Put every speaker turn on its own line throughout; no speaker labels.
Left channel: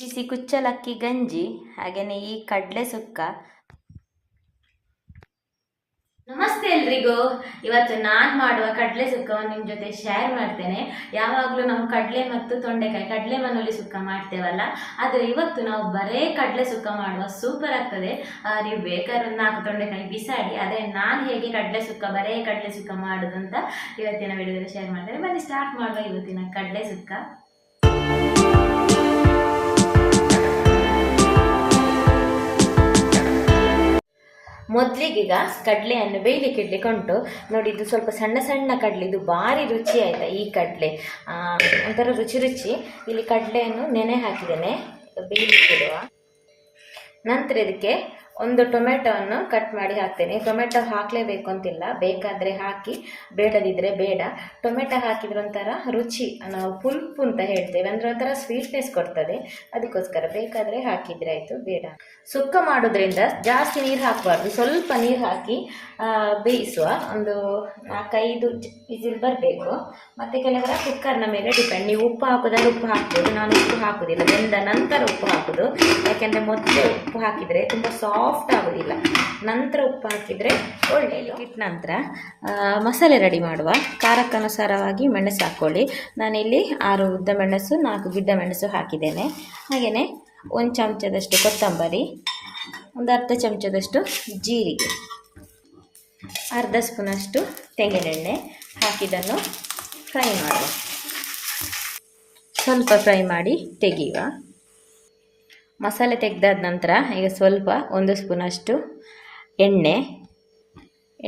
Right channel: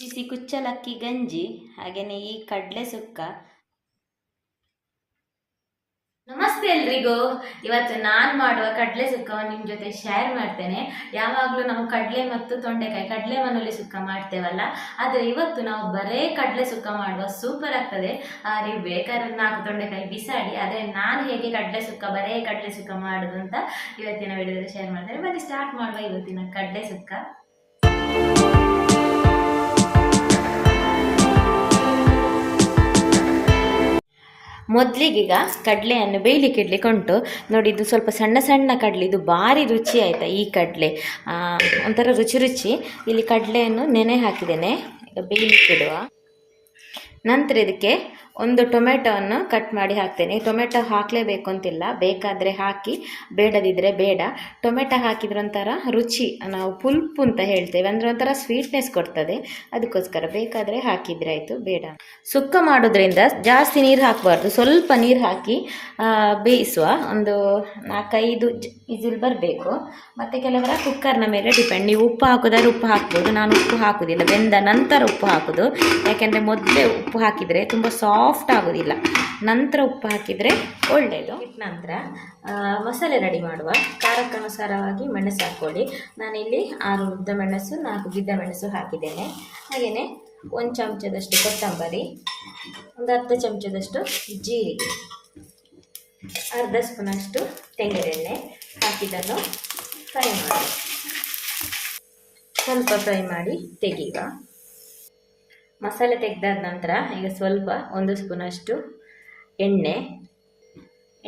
ಬಿಸಿ ಕುಚ್ಚಲಕ್ಕಿ ಗಂಜಿ ಹಾಗೆಯೇ ಈ ಕಡಲೆ ಸುಕ್ಕ. ನಮಸ್ತೆ ಎಲ್ರಿಗೂ. ಇವತ್ತು ನಾನು ಮಾಡುವ ಕಡಲೆ ಸುಕ್ಕವನ್ನು ನಿಮ್ಮ ಜೊತೆ ಶೇರ್ ಮಾಡ್ತೇನೆ. ಯಾವಾಗಲೂ ನಾವು ಕಡಲೆ ಮತ್ತು ತೊಂಡೆಕಾಯಿ, ಕಡಲೆ ಮನೋಲಿ ಸುಕ್ಕ ಮಾಡ್ತೇವಲ್ಲ. ಆದರೆ ಇವತ್ತು ನಾವು ಬರೇ ಕಡಲೆ ಸುಕ್ಕ ಮಾಡುವ ಸೂಪರ್ ಆಗ್ತದೆ. ನೀವು ಬೇಕಾದ್ರೆ ನಾಲ್ಕು ತೊಂಡೆಕಾಯಿ ಬಿಸಾಡಿ, ಆದರೆ ನಾನು ಹೇಗೆ ಕಡಲೆ ಸುಕ್ಕ, ಬರೇ ಕಡಲೆ ಸುಕ್ಕ ಮಾಡೋದು ಅಂತ ಇವತ್ತಿನ ವಿಡಿಯೋದಲ್ಲಿ ಶೇರ್ ಮಾಡ್ತೇನೆ. ಬನ್ನಿ ಸ್ಟಾರ್ಟ್ ಮಾಡುವ ಇವತ್ತಿನ ಕಡಲೆ ಸುಕ್ಕ. ಮೊದಲಿಗೀಗ ಕಡಲೆಯನ್ನು ಬೇಯಲಿಕ್ಕೆ ಇಡ್ಲಿಕ್ಕೆ ಉಂಟು. ನೋಡಿ ಇದು ಸ್ವಲ್ಪ ಸಣ್ಣ ಸಣ್ಣ ಕಡಲೆ, ಇದು ಭಾರಿ ರುಚಿ ಆಯಿತಾ ಈ ಕಡಲೆ. ಒಂಥರ ರುಚಿ ರುಚಿ. ಇಲ್ಲಿ ಕಡಲೆಯನ್ನು ನೆನೆ ಹಾಕಿದ್ದೇನೆ. ಬೇಯಲಿ ಬೇಯಲಿಕ್ಕೆ ಇಡುವ ನಂತರ ಇದಕ್ಕೆ ಒಂದು ಟೊಮೆಟೊವನ್ನು ಕಟ್ ಮಾಡಿ ಹಾಕ್ತೇನೆ. ಟೊಮೆಟೊ ಹಾಕಲೇಬೇಕು ಅಂತಿಲ್ಲ. ಬೇಕಾದರೆ ಹಾಕಿ ಬೇಡದಿದ್ದರೆ ಬೇಡ. ಟೊಮೆಟೊ ಹಾಕಿದ್ರೆ ಒಂಥರ ರುಚಿ, ನಾವು ಪುಲ್ಪು ಅಂತ ಹೇಳ್ತೇವೆ. ಅಂದರೆ ಒಂಥರ ಸ್ವೀಟ್ನೆಸ್ ಕೊಡ್ತದೆ. ಅದಕ್ಕೋಸ್ಕರ ಬೇಕಾದರೆ ಹಾಕಿದರೆ ಆಯಿತು, ಬೇಡ. ಸುಕ್ಕ ಮಾಡೋದ್ರಿಂದ ಜಾಸ್ತಿ ನೀರು ಹಾಕಬಾರ್ದು. ಸ್ವಲ್ಪ ನೀರು ಹಾಕಿ ಬೇಯಿಸುವ ಒಂದು ನಾಲ್ಕೈದು ಇಸಿಲ್ ಬರಬೇಕು. ಮತ್ತು ಕೆಲವರ ಕುಕ್ಕರ್ನ ಮೇಲೆ ಡಿಪೆಂಡ್. ನೀವು ಉಪ್ಪು ಹಾಕೋದಾದ್ರೆ ಉಪ್ಪು ಹಾಕ್ಬೋದು. ನಾನು ಉಪ್ಪು ಹಾಕೋದಿಲ್ಲ. ಬೆಂದ ನಂತರ ಉಪ್ಪು ಹಾಕೋದು. ಯಾಕೆಂದರೆ ಮೊದಲೇ ಉಪ್ಪು ಹಾಕಿದರೆ ತುಂಬ ಸಾಫ್ಟ್ ಆಗೋದಿಲ್ಲ. ನಂತರ ಉಪ್ಪು ಹಾಕಿದರೆ ಒಳ್ಳೆಯದು ಇಟ್ಟ ನಂತರ ಮಸಾಲೆ ರೆಡಿ ಮಾಡುವ. ಖಾರಕ್ಕನುಸಾರವಾಗಿ ಮೆಣಸು ಹಾಕ್ಕೊಳ್ಳಿ ನಾನಿಲ್ಲಿ ಆರು ಉದ್ದ ಮೆಣಸು, ನಾಲ್ಕು ಗಿಡ್ಡ ಮೆಣಸು ಹಾಕಿದ್ದೇನೆ. ಹಾಗೆಯೇ ಒಂದು ಚಮಚದಷ್ಟು ಕೊತ್ತಂಬರಿ, ಒಂದು ಅರ್ಧ ಚಮಚದಷ್ಟು ಜೀರಿಗೆ, ಅರ್ಧ ಸ್ಪೂನಷ್ಟು ತೆಂಗಿನೆಣ್ಣೆ ಹಾಕಿದ್ದನ್ನು ಫ್ರೈ ಮಾಡಿ ಸ್ವಲ್ಪ ಫ್ರೈ ಮಾಡಿ ತೆಗೆಯುವ. ಮಸಾಲೆ ತೆಗೆದಾದ ನಂತರ ಈಗ ಸ್ವಲ್ಪ ಒಂದು ಸ್ಪೂನಷ್ಟು ಎಣ್ಣೆ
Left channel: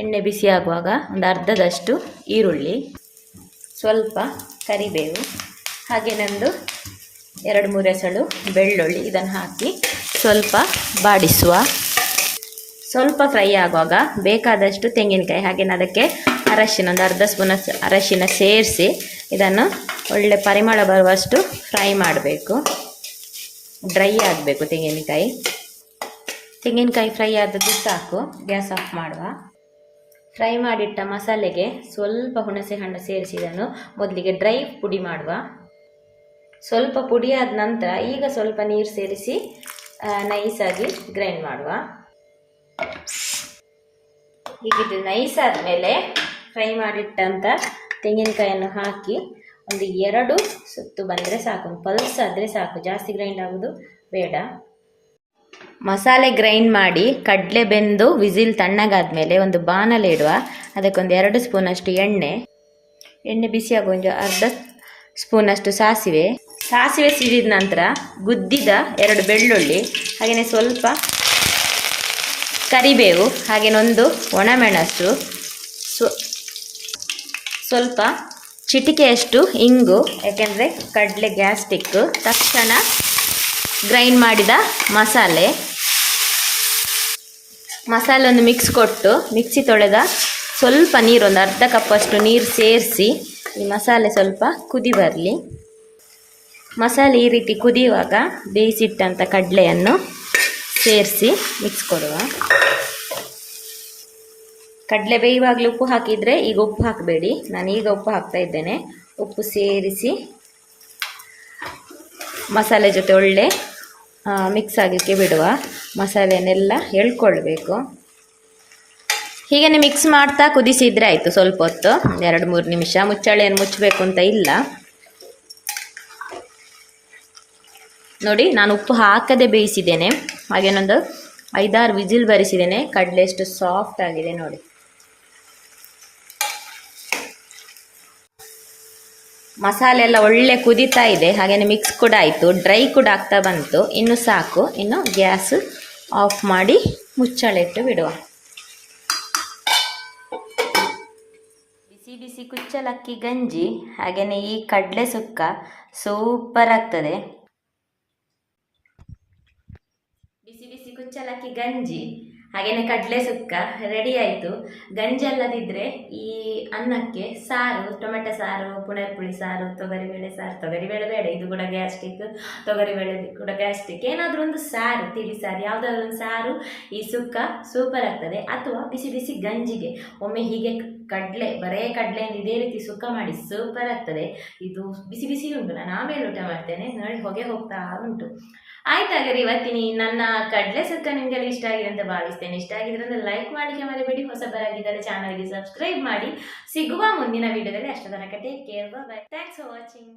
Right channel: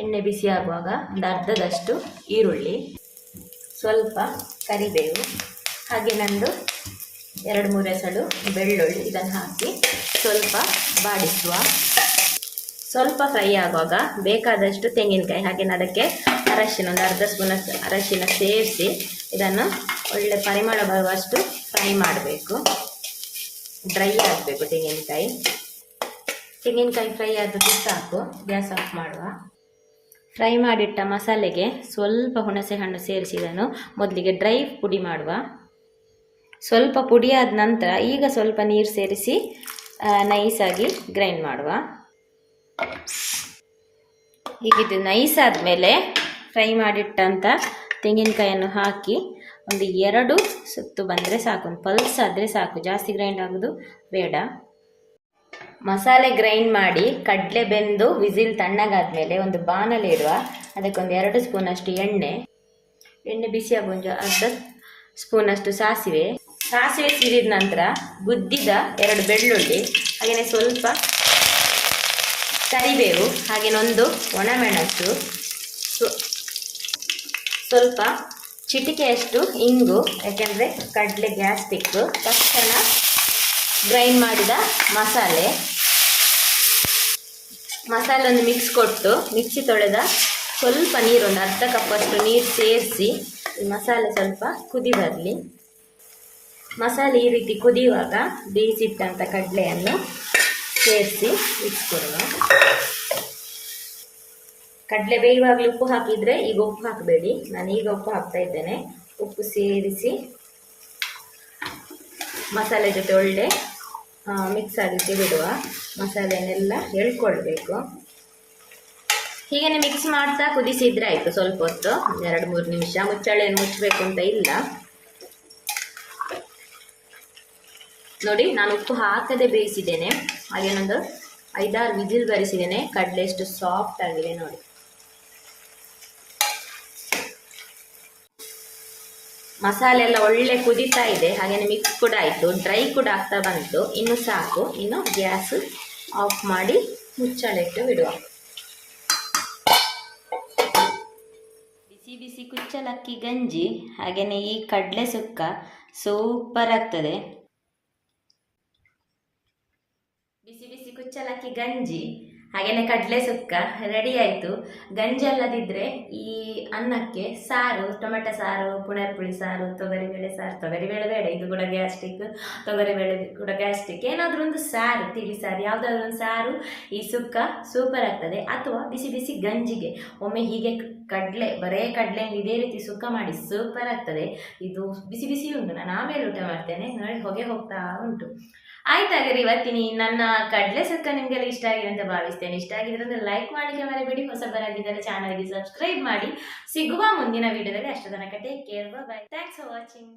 ಎಣ್ಣೆ ಬಿಸಿ ಆಗುವಾಗ ಒಂದು ಅರ್ಧದಷ್ಟು ಈರುಳ್ಳಿ, ಸ್ವಲ್ಪ ಕರಿಬೇವು, ಹಾಗೆ ನಂದು ಎರಡು ಮೂರು ಎಸಳು ಬೆಳ್ಳುಳ್ಳಿ ಇದನ್ನು ಹಾಕಿ ಸ್ವಲ್ಪ ಬಾಡಿಸುವ. ಸ್ವಲ್ಪ ಫ್ರೈ ಆಗುವಾಗ ಬೇಕಾದಷ್ಟು ತೆಂಗಿನಕಾಯಿ ಹಾಗೆ ಅದಕ್ಕೆ ಅರಶಿನ, ಒಂದು ಅರ್ಧ ಸ್ಪೂನ್ ಅರಶಿನ ಸೇರಿಸಿ ಇದನ್ನು ಒಳ್ಳೆ ಪರಿಮಳ ಬರುವಷ್ಟು ಫ್ರೈ ಮಾಡಬೇಕು. ಡ್ರೈ ಆಗಬೇಕು ತೆಂಗಿನಕಾಯಿ. ತೆಂಗಿನಕಾಯಿ ಫ್ರೈ ಆದದ್ದು ಸಾಕು, ಗ್ಯಾಸ್ ಆಫ್ ಮಾಡುವ. ಫ್ರೈ ಮಾಡಿಟ್ಟ ಮಸಾಲೆಗೆ ಸ್ವಲ್ಪ ಹುಣಸೆ ಹಣ್ಣು ಸೇರಿಸಿದನ್ನು ಮೊದಲಿಗೆ ಡ್ರೈ ಪುಡಿ ಮಾಡುವ. ಸ್ವಲ್ಪ ಪುಡಿ ಆದ ನಂತರ ಈಗ ಸ್ವಲ್ಪ ನೀರು ಸೇರಿಸಿ ನೈಸಾಗಿ ಗ್ರೈಂಡ್ ಮಾಡುವ. ಈಗ ಇದು ನೈಸ್ ಆದಮೇಲೆ ಫ್ರೈ ಮಾಡಿಟ್ಟಂಥ ತೆಂಗಿನಕಾಯನ್ನು ಹಾಕಿ ಒಂದು ಎರಡು ಸುತ್ತು ಬಂದರೆ ಸಾಕು, ಒಂದು ಪಲ್ಸ್ ಆದರೆ ಸಾಕು, ಜಾಸ್ತಿ ಗ್ರೈಂಡ್ ಆಗೋದು ಬೇಡ. ಮಸಾಲೆ ಗ್ರೈಂಡ್ ಮಾಡಿ ಕಡಲೆ ಬೆಂದು ವಿಸಿಲ್ ತಣ್ಣಗಾದ್ಮೇಲೆ ಒಂದು ಬಾಣಲೆ ಇಡುವ. ಅದಕ್ಕೊಂದು ಎರಡು ಸ್ಪೂನಷ್ಟು ಎಣ್ಣೆ. ಎಣ್ಣೆ ಬಿಸಿ ಆಗುವ ಒಂದು ಅರ್ಧ ಸ್ಪೂನಷ್ಟು ಸಾಸಿವೆ. ಸಾಸಿವೆ ಸಿಡಿದ ನಂತರ ಗುದ್ದಿದ ಎರಡು ಬೆಳ್ಳುಳ್ಳಿ, ಹಾಗೆಯೇ ಸ್ವಲ್ಪ ಕರಿಬೇವು ಹಾಗೆಯೊಂದು ಒಣಮೆಣಸು, ಸ್ವ ಸ್ವಲ್ಪ ಚಿಟಿಕೆಯಷ್ಟು ಇಂಗು, ಯಾಕೆಂದರೆ ಕಡಲೆ ಗ್ಯಾಸ್ಟಿಕ್ ತಕ್ಷಣ ಗ್ರೈಂಡ್ ಮಾಡಿದ ಮಸಾಲೆ. ಮಸಾಲೆಯನ್ನು ಮಿಕ್ಸ್ ಕೊಟ್ಟು, ಮಿಕ್ಸಿ ತೊಳೆದ ಸ್ವಲ್ಪ ನೀರು, ಒಂದು ಅರ್ಧ ಕಪ್ಪಷ್ಟು ನೀರು ಸೇರಿಸಿ, ಈ ಮಸಾಲೆ ಸ್ವಲ್ಪ ಕುದಿ ಬರಲಿ. ಮಸಾಲೆ ಈ ರೀತಿ ಕುದಿಯುವಾಗ ಬೇಯಿಸಿಟ್ಟಂಥ ಕಡಲೆಯನ್ನು ಸೇರಿಸಿ ಮಿಕ್ಸ್ ಕೊಡುವ. ಕಡಲೆ ಬೇಯುವಾಗಲೂ ಉಪ್ಪು ಹಾಕಿದರೆ ಈಗ ಉಪ್ಪು ಹಾಕಬೇಡಿ. ನಾನು ಈಗ ಉಪ್ಪು ಹಾಕ್ತಾ ಇದ್ದೇನೆ. ಉಪ್ಪು ಸೇರಿಸಿ ಮಸಾಲೆ ಜೊತೆ ಒಳ್ಳೆ ಮಿಕ್ಸ್ ಆಗಲಿಕ್ಕೆ ಬಿಡುವ ಮಸಾಲೆನೆಲ್ಲ ಎಳ್ಕೊಳ್ಬೇಕು. ಹೀಗೇ ಮಿಕ್ಸ್ ಮಾಡ್ತಾ ಕುದಿಸಿದರೆ ಆಯಿತು ಸ್ವಲ್ಪ ಹೊತ್ತು ಎರಡು ಮೂರು ನಿಮಿಷ. ಮುಚ್ಚಳೆಯನ್ನು ಮುಚ್ಚಬೇಕು ಅಂತ ಇಲ್ಲ. ನೋಡಿ, ನಾನು ಉಪ್ಪು ಹಾಕದೆ ಬೇಯಿಸಿದ್ದೇನೆ. ಹಾಗೇನೊಂದು ಐದಾರು ವಿಜಿಲ್ ಬರಿಸಿದ್ದೇನೆ. ಕಡಲೆ ಎಷ್ಟು ಸಾಫ್ಟ್ ಆಗಿದೆ ನೋಡಿ. ಮಸಾಲೆ ಎಲ್ಲ ಒಳ್ಳೆ ಕುದೀತಾ ಇದೆ. ಹಾಗೆಯೇ ಮಿಕ್ಸ್ ಕೂಡ ಆಯಿತು. ಡ್ರೈ ಕೂಡ ಆಗ್ತಾ ಬಂತು. ಇನ್ನು ಸಾಕು. ಇನ್ನು ಗ್ಯಾಸ್ ಆಫ್ ಮಾಡಿ ಮುಚ್ಚಳ ಇಟ್ಟು ಬಿಡುವ. ಬಿಸಿ ಬಿಸಿ ಕುಚ್ಚಲಕ್ಕಿ ಗಂಜಿ ಹಾಗೆಯೇ ಈ ಕಡಲೆ ಸುಕ್ಕ ಸೂಪರ್ ಆಗ್ತದೆ. ಬಿಸಿ ಬಿಸಿ ಕುಚ್ಚಲಕ್ಕಿ ಗಂಜಿ. ಹಾಗೆಯೇ ಕಡಲೆ ಸುಕ್ಕ ರೆಡಿ ಆಯಿತು. ಗಂಜಿ ಅಲ್ಲದಿದ್ದರೆ ಈ ಅನ್ನಕ್ಕೆ ಸಾರು, ಟೊಮೆಟೊ ಸಾರು ಪುಳಿ ಸಾರು ತೊಗರಿಬೇಳೆ ಸಾರು ತೊಗರಿಬೇಳೆ ಬೇಡ, ಇದು ಕೂಡ ಗ್ಯಾಸ್ಟ್ರಿಕ್ ತೊಗರಿಬೇಳೆ ಕೂಡ ಗ್ಯಾಸ್ಟ್ರಿಕ್. ಏನಾದರೂ ಒಂದು ಸಾರು, ತಿಳಿ ಸಾರು, ಯಾವುದಾದ್ರೂ ಒಂದು ಸಾರು ಈ ಸುಕ್ಕ ಸೂಪರ್ ಆಗ್ತದೆ. ಅಥವಾ ಬಿಸಿ ಬಿಸಿ ಗಂಜಿಗೆ, ಒಮ್ಮೆ ಹೀಗೆ ಕಡಲೆ, ಬರೇ ಕಡಲೆಯಿಂದ ಇದೇ ರೀತಿ ಸುಕ್ಕ ಮಾಡಿ ಸೂಪರ್ ಆಗ್ತದೆ. ಇದು ಬಿಸಿ ಬಿಸಿ ಉಂಟು. ನಾನು ಆಮೇಲೆ ಊಟ ಮಾಡ್ತೇನೆ. ನೋಡಿ, ಹೊಗೆ ಹೋಗ್ತಾ ಉಂಟು. ಆಯ್ತಾಗಾರೆ ಇವತ್ತಿನ ಈ ನನ್ನ ಕಡಲೆ ಸುಕ್ಕ ನಿಮಗೆಲ್ಲ ಇಷ್ಟ ಆಗಿದೆ ಅಂತ ಭಾವಿಸ್ತೇನೆ. ಇಷ್ಟ ಆಗಿದ್ರೆ ಲೈಕ್ ಮಾಡಲಿಕ್ಕೆ ಮರಿಬೇಡಿ. ಹೊಸಬರಾಗಿದ್ದಾರೆ ಚಾನಲ್ಗೆ ಸಬ್ಸ್ಕ್ರೈಬ್ ಮಾಡಿ. ಸಿಗುವ ಮುಂದಿನ ವಿಡಿಯೋದಲ್ಲಿ ಅಷ್ಟು ತನಕ take care bye thanks for watching